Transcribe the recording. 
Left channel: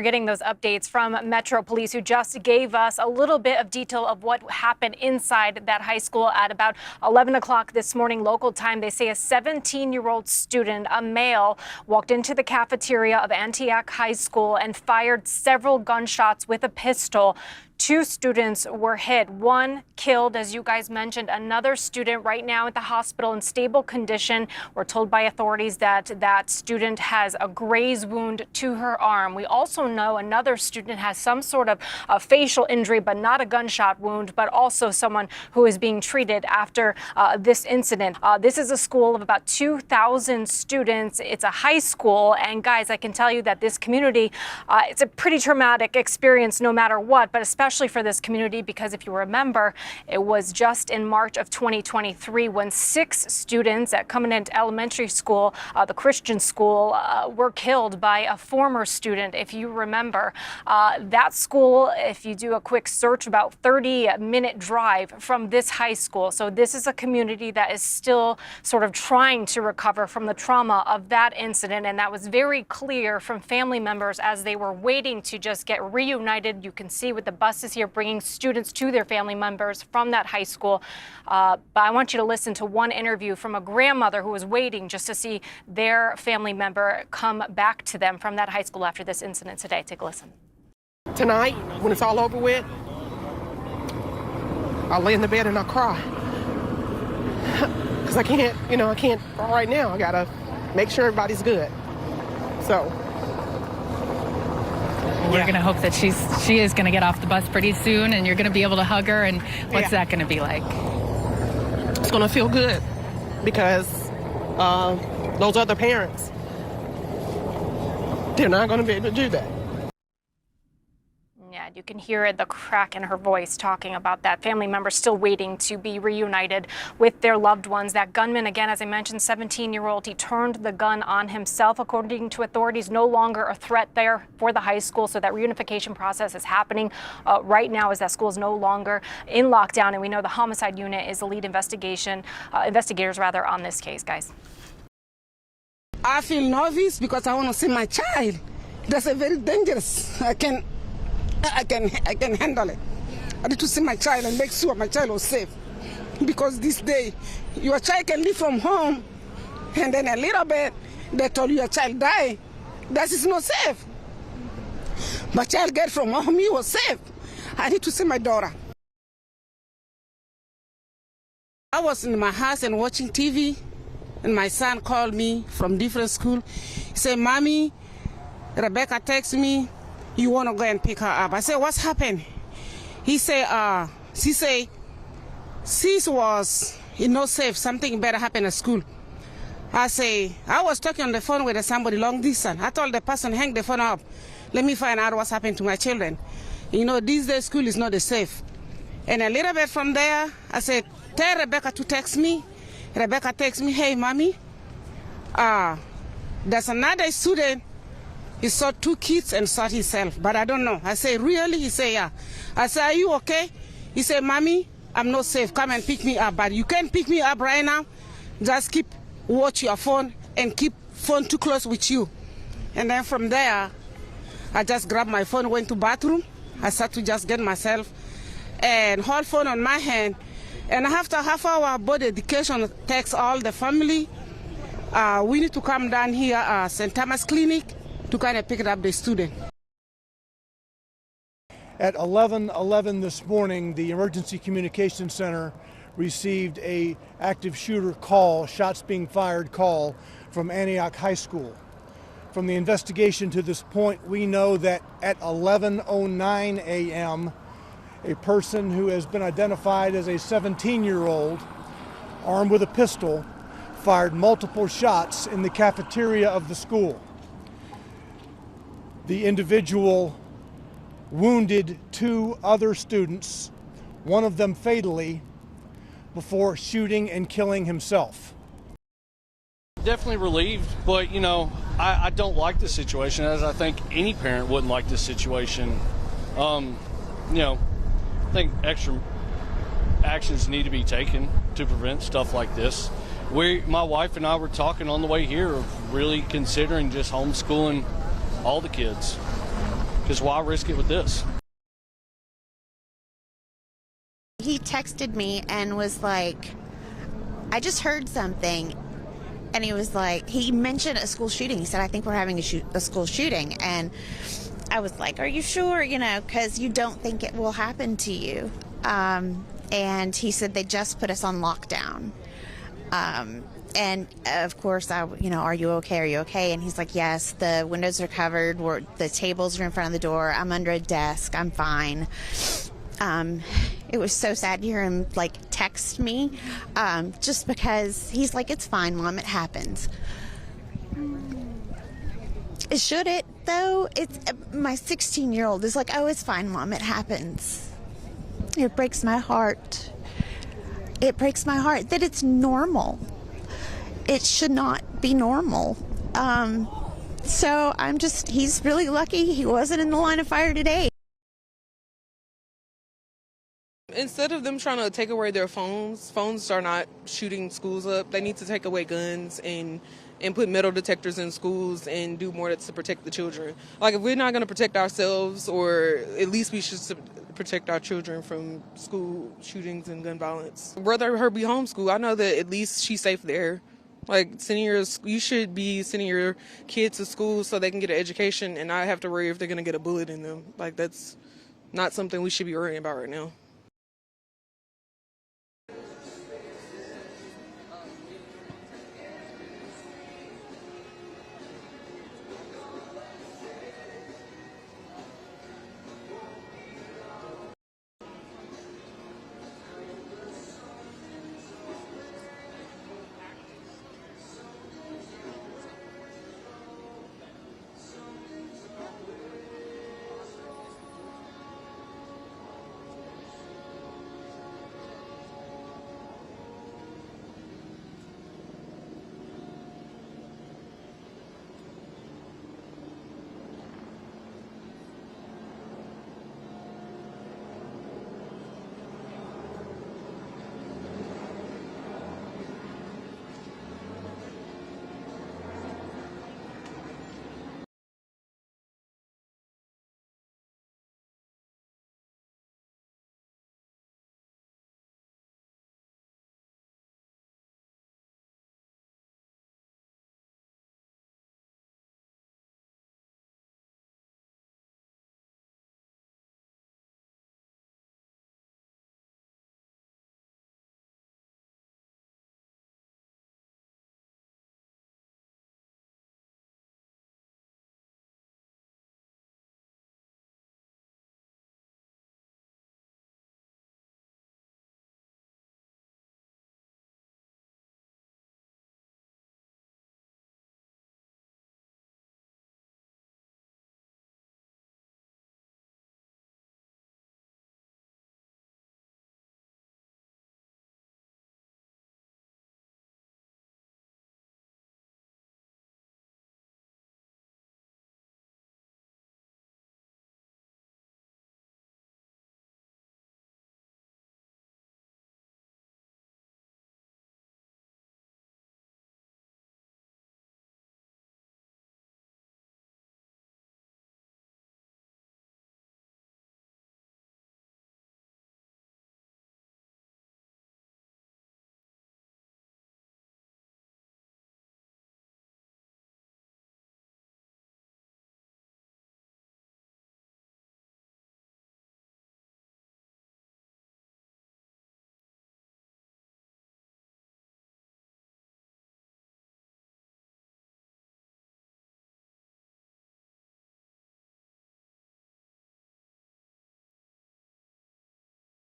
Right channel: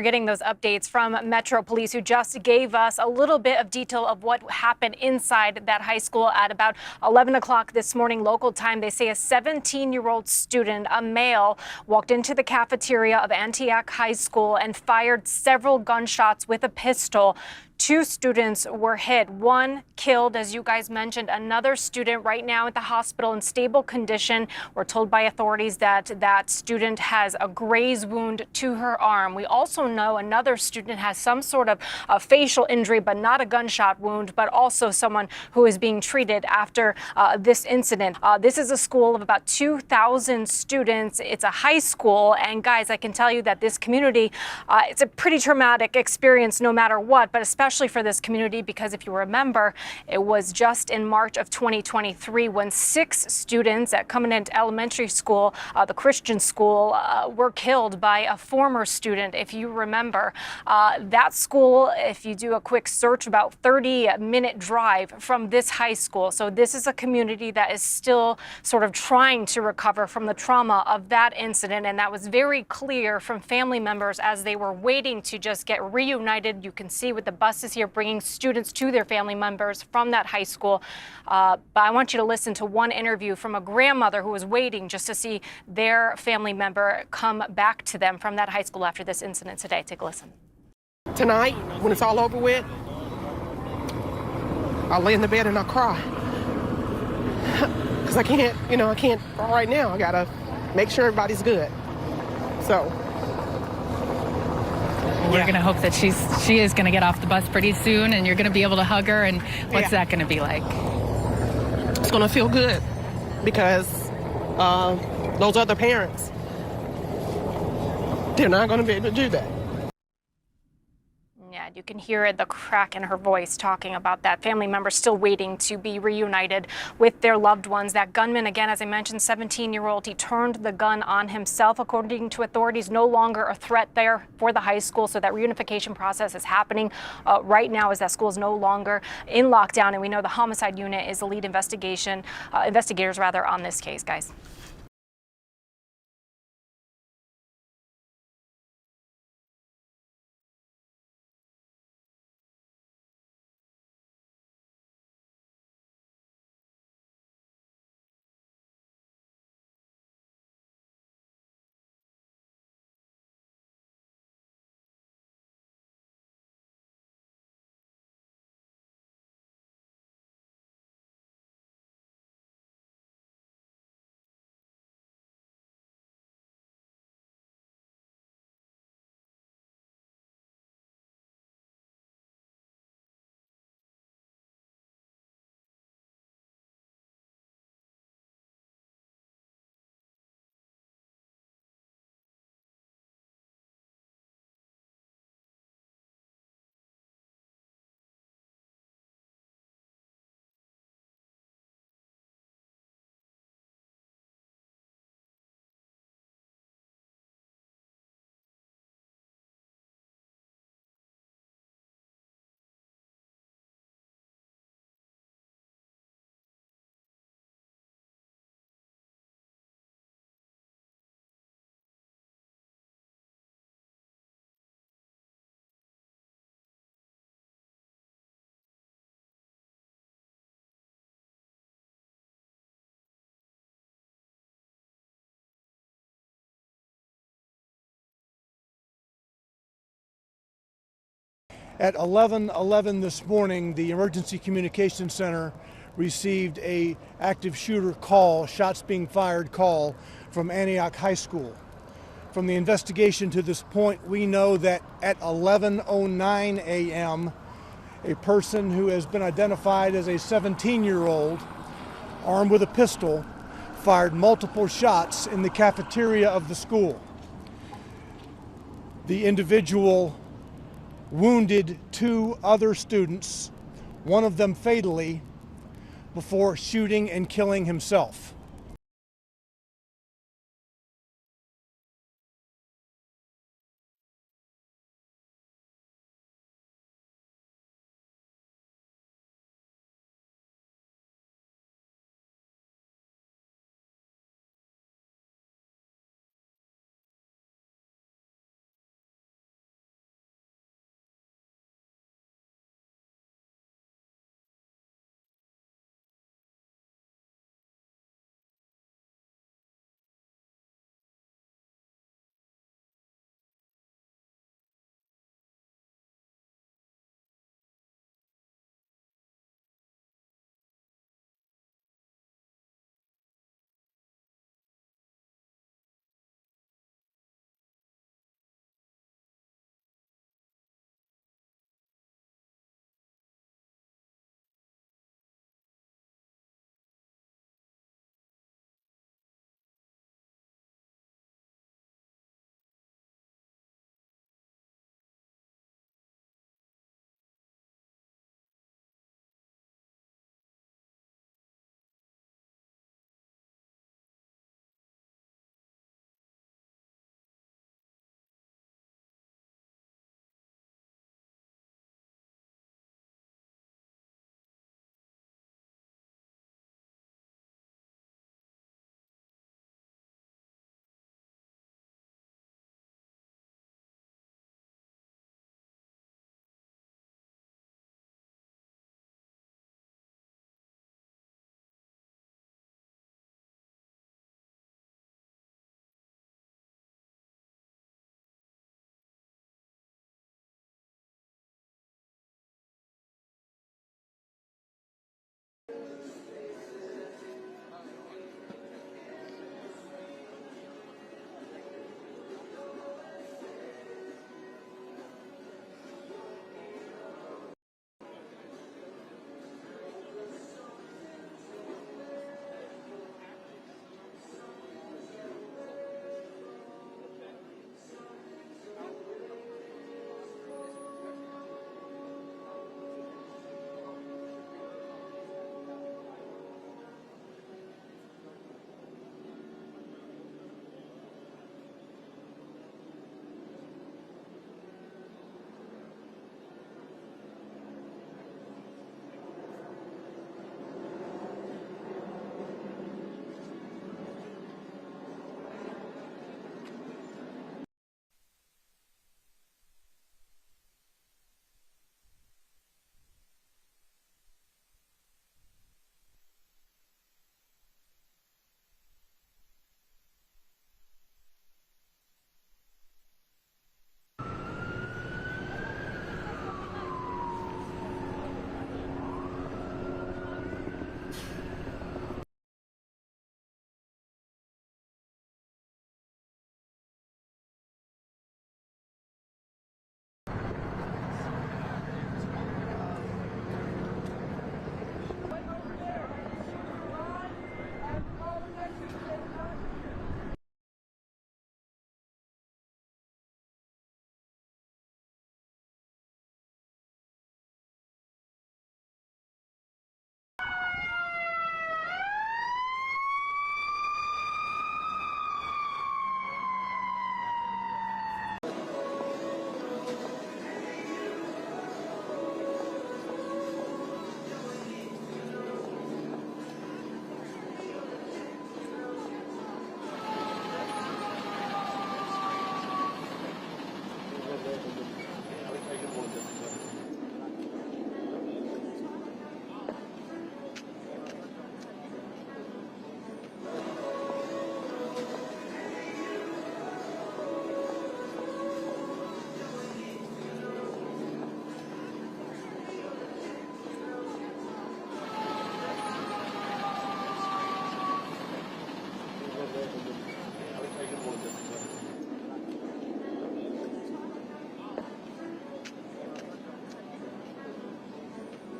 We're getting those updates from Metro Police, who just gave us a little bit of detail of what happened inside that high school at about 11 o'clock this morning local time. They say a 17-year-old student, a male, walked into the cafeteria of Antioch High School and fired several gunshots with a pistol. 2 students were hit, 1 killed, as you guys mentioned. Another student right now at the hospital in stable condition. We're told by authorities that that student has a graze wound to her arm. We also know another student has some sort of facial injury, but not a gunshot wound, but also someone who is being treated after this incident. This is a school of about 2,000 students. It's a high school, and guys, I can tell you that this community, it's a pretty traumatic experience no matter what, but especially for this community, because if you remember, it was just in March of 2023 when 6 students at Covenant Elementary School, the Christian school, were killed by a former student. If you remember, that school, if you do a quick search, about 30-minute drive from this high school. So this is a community that is still sort of trying to recover from the trauma of that incident, and that was very clear from family members as they were waiting to just get reunited. You can see with the buses here bringing students to their family members from that high school. But I want you to listen to one interview from a grandmother who was waiting just to see their family member come back to them from that high school after this incident today. Take a listen. Tonight, when it's all over with, I'll lay in the bed and I'll cry. Because I can't right now. I gotta make sure everybody's good. So we're going to hope that she is going to get off the bus pretty soon, and you're going to be able to hug her. And what's that going to be like? It's going to feel good because those other parents, they're not going to be able to do that. Yeah, you can hear the crack in her voice talking about that. Family members still waiting to be reunited with their loved ones. That gunman, again, as I mentioned, 17-year-old, he turned the gun on himself. According to authorities, no longer a threat there for the high school. So that reunification process is happening right now as that school is no longer in lockdown. And we know the homicide unit is the lead investigators on this case, guys. I feel nervous because I want to see my child. That's a very dangerous. I can handle it. I need to see my child and make sure my child was safe. Because this day, your child can leave from home, and then a little bit, they told you your child died. That is not safe. My child get from home, he was safe. I need to see my daughter. I was in my house and watching TV, and my son called me from different school. He said, "Mommy, Rebecca texted me, you want to go and pick her up." I said, "What's happened?" He said, sis was not safe. Something better happened at school. I say, I was talking on the phone with somebody long distance. I told the person, hang the phone up. Let me find out what's happened to my children. You know, these days school is not safe. And a little bit from there, I said, tell Rebecca to text me. Rebecca texts me, "Hey, Mommy, there's another student. He saw 2 kids and shot himself, but I don't know." I say, "Really?" He say, "Yeah." I say, "Are you okay?" He said, "Mommy, I'm not safe. Come and pick me up." But you can't pick me up right now. Just watch your phone and keep phone too close with you. And then from there, I just grabbed my phone, went to bathroom. I started to just get myself and hold phone on my hand. And after half hour, body education takes all the family. We need to come down here, St. Thomas Clinic, to kind of pick up the student. At 11:11 this morning, the Emergency Communications Center received a active shooter call, shots being fired call from Antioch High School. From the investigation to this point, we know that at 11:09 a.m., a person who has been identified as a 17-year-old, armed with a pistol, fired multiple shots in the cafeteria of the school. The individual wounded 2 other students, one of them fatally, before shooting and killing himself. Definitely relieved, but I don't like this situation, as I think any parent wouldn't like this situation. I think extra actions need to be taken to prevent stuff like this. My wife and I were talking on the way here of really considering just homeschooling all the kids. because why risk it with this? He texted me and was like, I just heard something. And he was like, he mentioned a school shooting. He said, I think we're having a school shooting. And I was like, are you sure? You know, because you don't think it will happen to you. And he said they just put us on lockdown. And of course, are you okay? Are you okay? And he's like, yes, the windows are covered. The tables are in front of the door. I'm under a desk. I'm fine. It was so sad to hear him like text me, just because he's like, it's fine, Mom, it happens. Should it though? It's my 16-year-old is like, oh, it's fine, Mom, it happens. It breaks my heart. It breaks my heart that it's normal. It should not be normal. So he's really lucky he wasn't in the line of fire today. Instead of them trying to take away their phones are not shooting schools up. They need to take away guns and put metal detectors in schools and do more to protect the children. Like, if we're not going to protect ourselves, or at least we should protect our children from school shootings and gun violence. Rather her be homeschooled. I know that at least she's safe there. Like, you should be sending your kids to school so they can get an education and not have to worry if they're going to get a bullet in them. Like, that's not something we should be worrying about right now.